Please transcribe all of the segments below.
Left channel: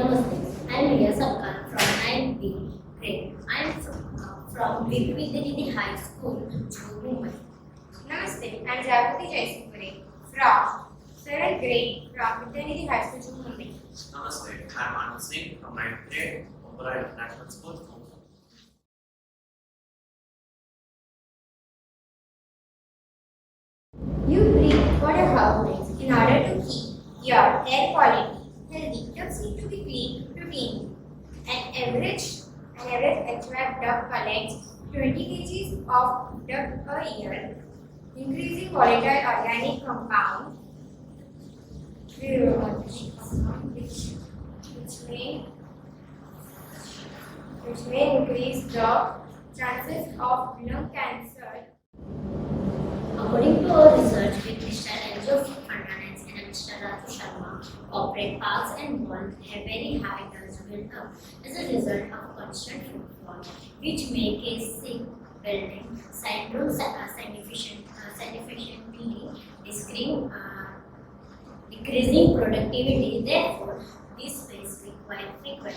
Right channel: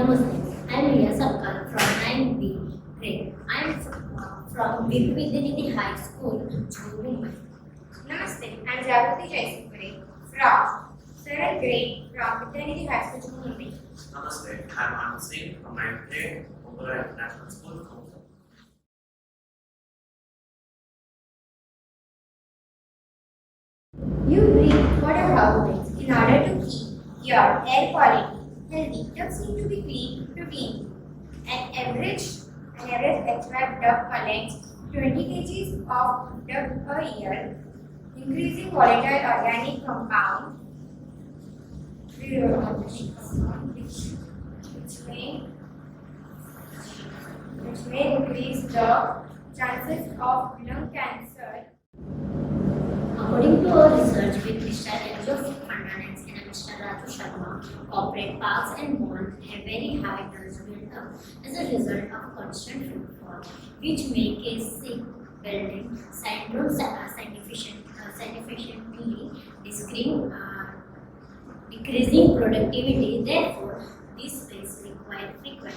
Namaste, I am Reeya Sapkal from 9B grade. I am from Vidyanidhi High School, Mumbai. Namaste, I am Jagruti Jaisingpure from 7th grade from Vidyanidhi High School, Mumbai. Namaste, I am Ansh Singh from 9th grade, Modular International School, Singh. You breathe water housings in order to keep your air quality healthy. Ducts need to be cleaned routinely. An average HVAC duct collects 20 kg of duct per year, increasing volatile organic compound which may increase the chances of lung cancer. According to our research with Mr. Anjo Fernandez and Mr. Raju Sharma, corporate parks and malls have very high dust build-up as a result of constant footfall, which make a sick building syndrome significantly decreasing productivity. Therefore, this space requires frequent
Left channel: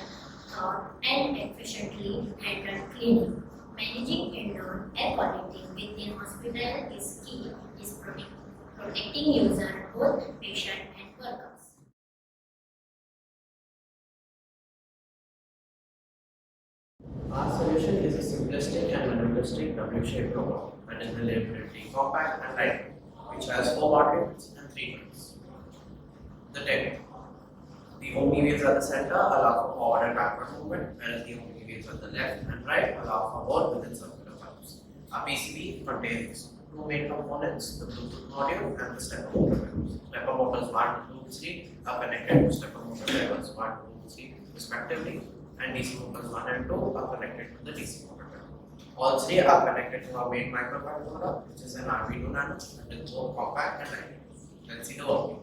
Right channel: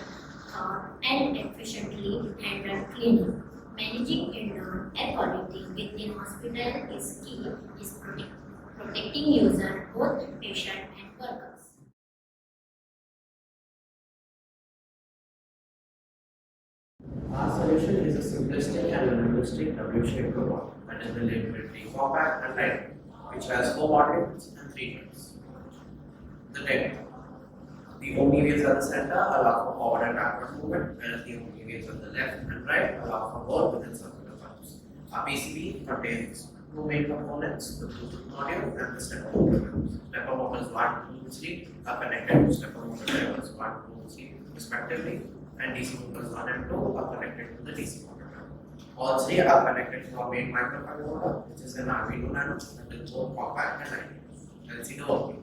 thought and efficiently handled cleaning. Managing indoor air quality within hospital is key is protecting user, both patient and workers. Our solution is a simplistic and minimalistic W-shaped robot that is relatively compact and light, which has 4 modules and 3 joints. The deck. The omni wheels at the center allow for forward and backward movement, whereas the omni wheels at the left and right allow for work within circular pumps. Our PCB contains 2 main components, the Bluetooth module and the stepper motor. Stepper motors 1, 2, 3 are connected to stepper motor drivers 1, 2, 3 respectively, and DC motors 1 and 2 are connected to the DC motor driver. All 3 are connected to our main microcontroller, which is an RB2 nano and is both compact and light. Let's see the working.